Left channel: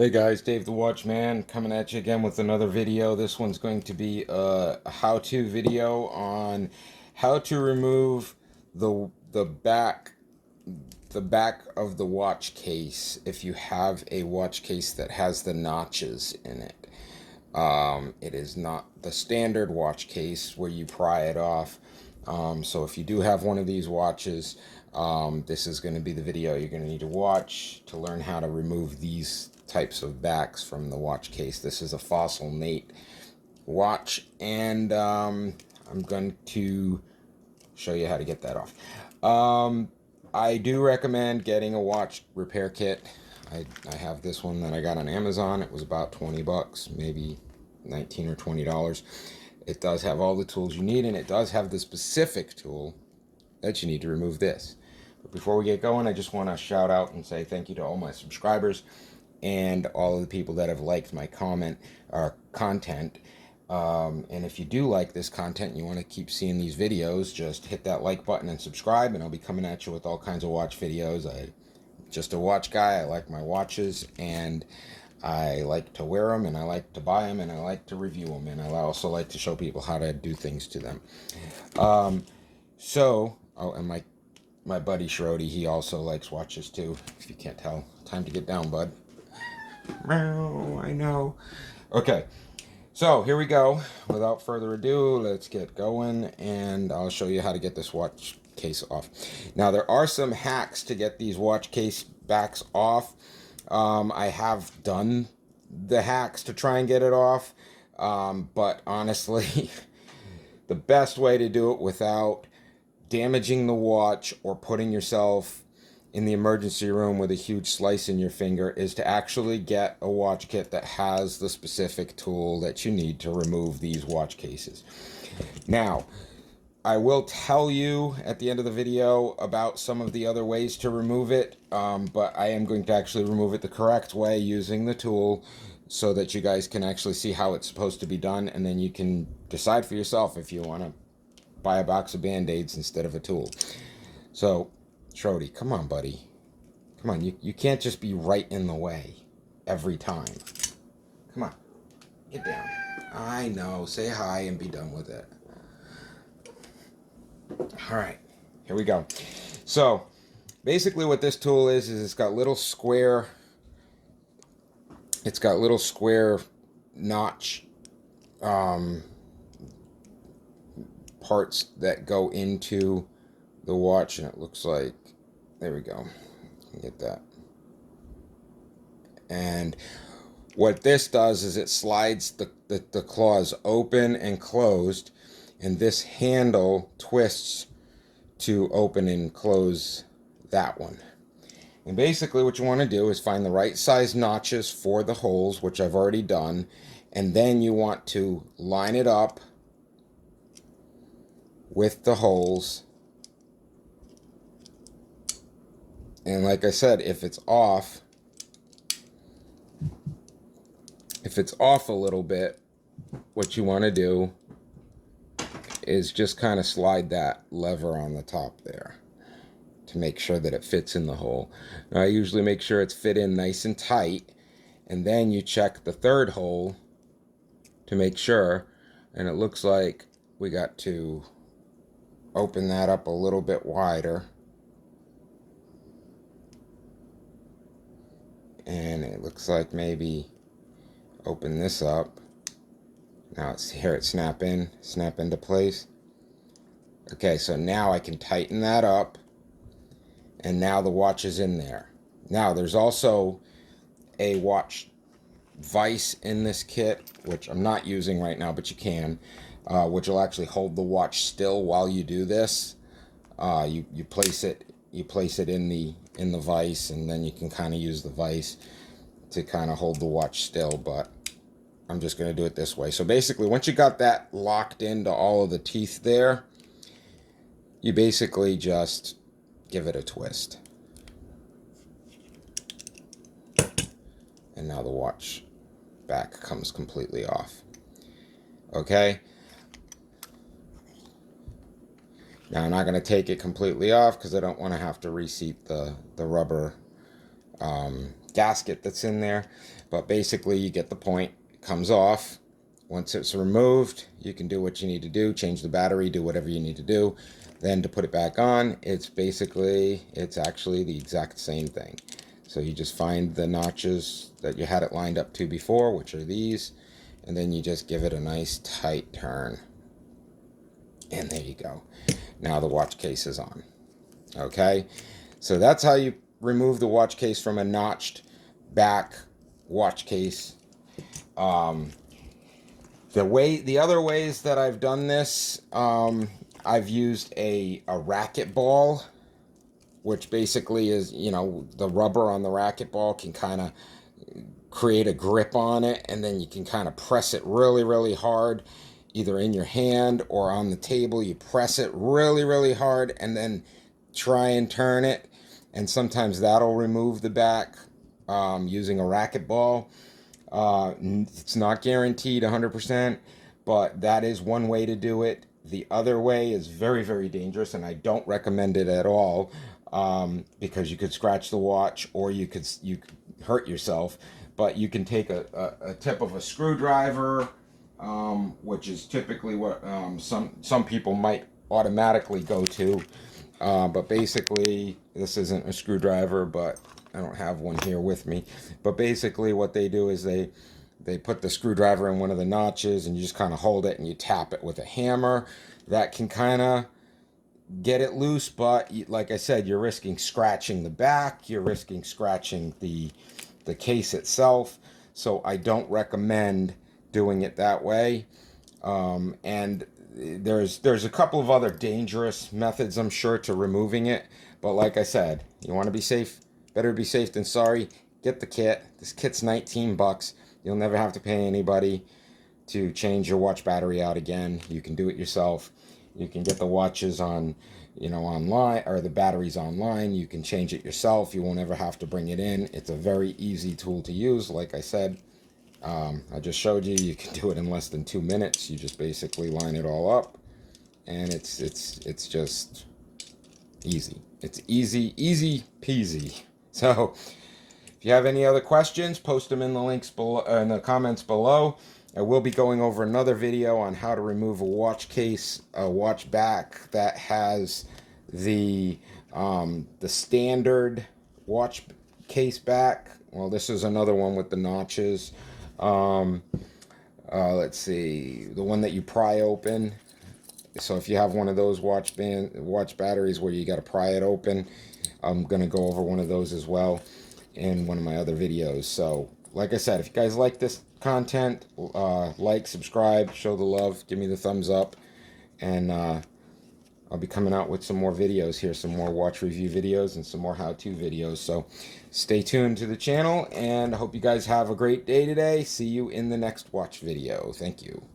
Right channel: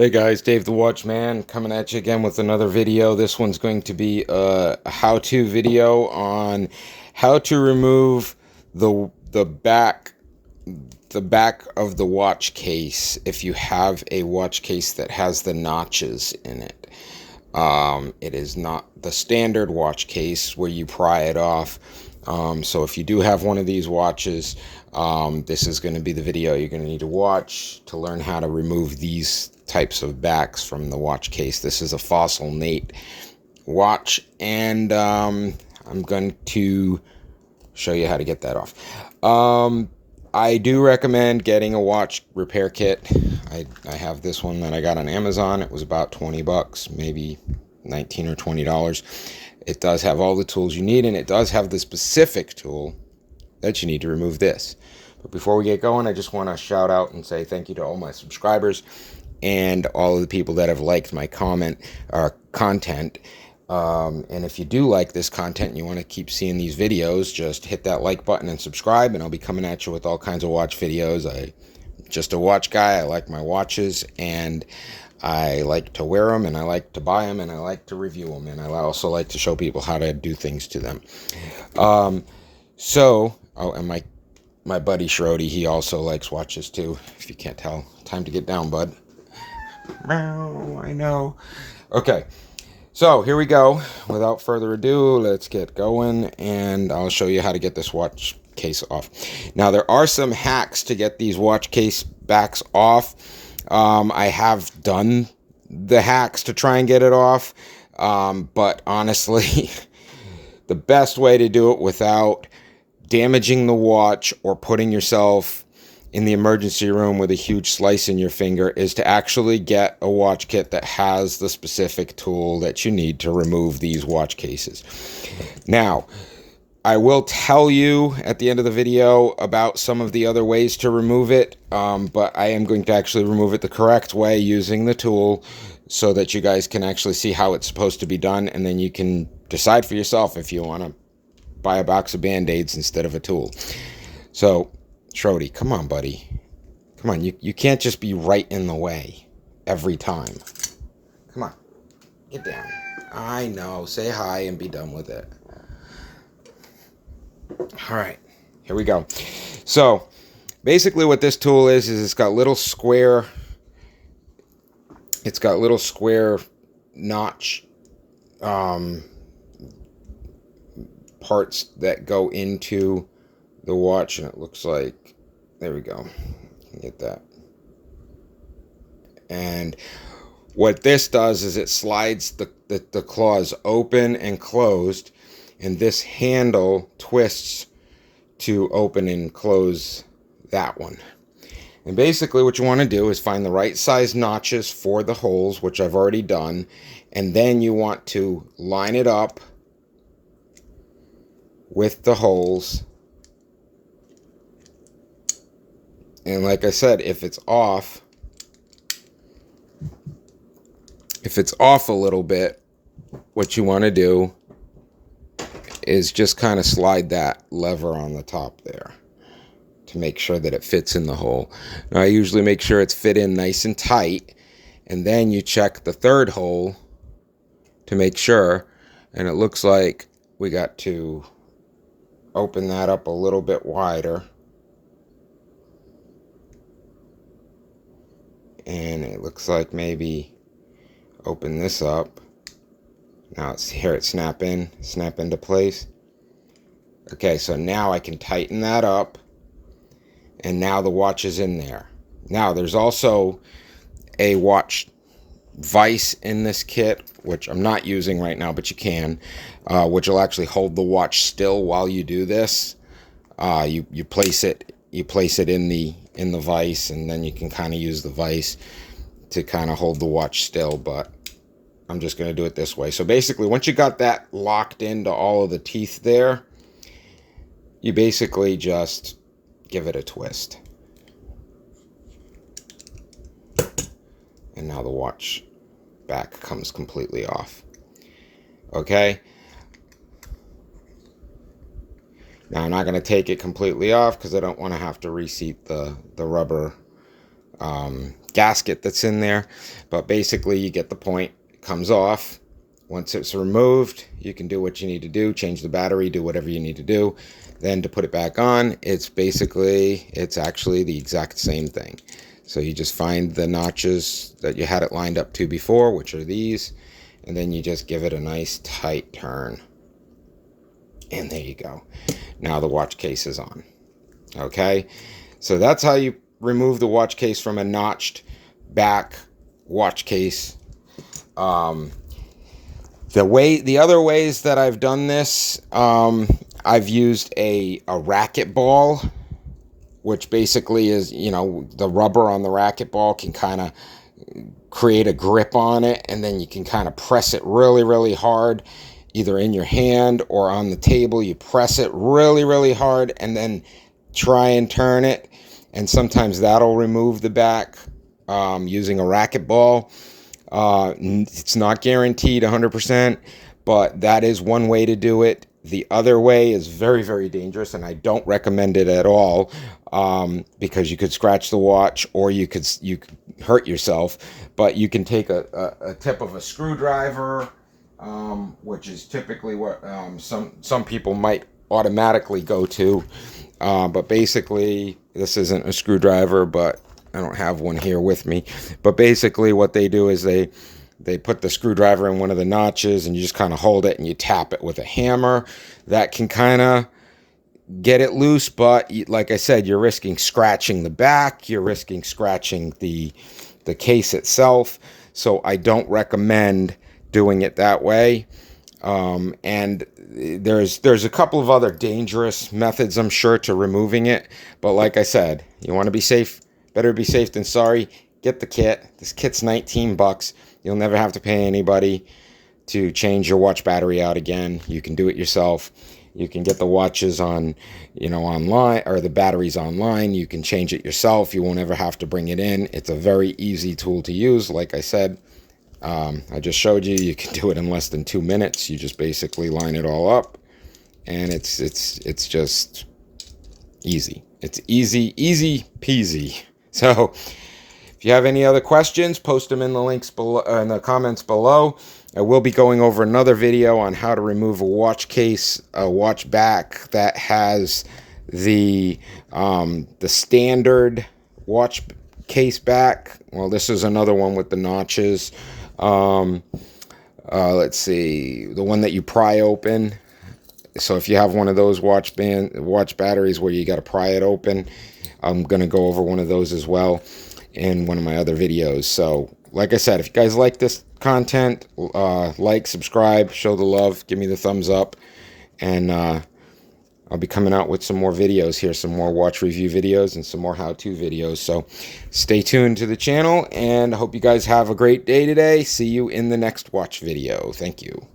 Hey guys, Dave the Watchman coming at you again with another video. This one's going to be a how-to video on how to remove the back of the watch case if you have a watch case that has the notches in it. It is not the standard watch case where you pry it off. So if you do have one of these watches, this is going to be the video you're going to need to watch to learn how to remove these types of backs from the watch case. This is a Fossil Nate watch, and I'm going to show you how to get that off. I do recommend getting a watch repair kit. I have this one that I got on Amazon. It was about 20 bucks, maybe 19 or $20. It does have all the tools you need, and it does have the specific tool that you need to remove this. But before we get going, I just want to shout out and say thank you to all my subscribers and all of the people that have liked my content. And if you do like this content and you want to keep seeing these videos, just hit that like button and subscribe, and I'll be coming at you with all kinds of watch videos. I'm just a watch guy. I like my watches, and I like to wear them, and I like to buy them, and I like to review them, and I also like to show people how to do things to them. And my buddy Shrody, he also likes watches too, if you can't tell. Time to get down, bud. I know. Okay, so here we go. Without further ado, let's get going, and I'll show you how to get this watch case off. Now, there are some hacks to get these watch case backs off. I have done the hacks to try and get it off, but honestly, the best way to do it without damaging the watch or putting yourself in the emergency room with a huge slice in your finger is to actually get a watch kit that has the specific tool that you need to remove these watch cases. Now, I will tell you at the end of the video about some of the other ways to remove it, but I am going to actually remove it the correct way using the tool so that you guys can actually see how it's supposed to be done, and then you can decide for yourself if you want to buy a box of Band-Aids instead of a tool. So, Shrody, come on, buddy. Come on, you can't just be right in the way every time. Come on, get down. I know, say hi and be done with it. All right, here we go. So, basically what this tool is it's got little square notch parts that go into the watch, and it looks like, there we go, get that. And what this does is it slides the claws open and closed, and this handle twists to open and close that one. And basically what you want to do is find the right size notches for the holes, which I've already done, and then you want to line it up with the holes. And like I said, if it's off a little bit, what you want to do is just kind of slide that lever on the top there to make sure that it fits in the hole. Now, I usually make sure it's fit in nice and tight, and then you check the third hole to make sure, and it looks like we got to open that up a little bit wider. And it looks like maybe open this up. Now it's here, it snap into place. Okay, so now I can tighten that up, and now the watch is in there. Now there's also a watch vise in this kit, which I'm not using right now, but you can, which will actually hold the watch still while you do this. You place it in the vise, and then you can kind of use the vise to kind of hold the watch still, but I'm just going to do it this way. So basically, once you got that locked into all of the teeth there, you basically just give it a twist. And now the watch back comes completely off. Okay? Now, I'm not going to take it completely off because I don't want to have to reseat the rubber gasket that's in there. But basically, you get the point. It comes off. Once it's removed, you can do what you need to do, change the battery, do whatever you need to do. Then to put it back on, it's actually the exact same thing. So you just find the notches that you had it lined up to before, which are these, and then you just give it a nice tight turn. And there you go. Now the watch case is on. Okay, so that's how you remove the watch case from a notched back watch case. The other ways that I've done this, I've used a racket ball, which basically is, you know, the rubber on the racket ball can kind of create a grip on it, and then you can kind of press it really, really hard, either in your hand or on the table. You press it really, really hard and then try and turn it, and sometimes that'll remove the back using a racket ball. It's not guaranteed 100%, but that is one way to do it. The other way is very, very dangerous, and I don't recommend it at all, because you could scratch the watch or you could hurt yourself. But you can take a tip of a screwdriver, which is typically what some people might automatically go to. But basically, this isn't a screwdriver, but I don't have one here with me. But basically what they do is they put the screwdriver in one of the notches, and you just kind of hold it and you tap it with a hammer. That can kind of get it loose, but like I said, you're risking scratching the back, you're risking scratching the case itself. So I don't recommend doing it that way. And there's a couple of other dangerous methods, I'm sure, to removing it. But like I said, you want to be safe. Better be safe than sorry. Get the kit. This kit's $19. You'll never have to pay anybody to change your watch battery out again. You can do it yourself. You can get the watches on, you know, online, or the batteries online. You can change it yourself. You won't ever have to bring it in. It's a very easy tool to use. Like I said, I just showed you. You can do it in less than 2 minutes. You just basically line it all up, and it's just easy. It's easy peasy. So if you have any other questions, post them in the links below, in the comments below. I will be going over another video on how to remove a watch case, a watch back that has the standard watch case back. Well, this is another one with the notches. Let's see, the one that you pry open. So if you have one of those watch batteries where you got to pry it open, I'm going to go over one of those as well in one of my other videos. So like I said, if you guys like this content, like, subscribe, show the love, give me the thumbs up, and I'll be coming out with some more videos here, some more watch review videos and some more how-to videos. So stay tuned to the channel, and I hope you guys have a great day today. See you in the next watch video. Thank you.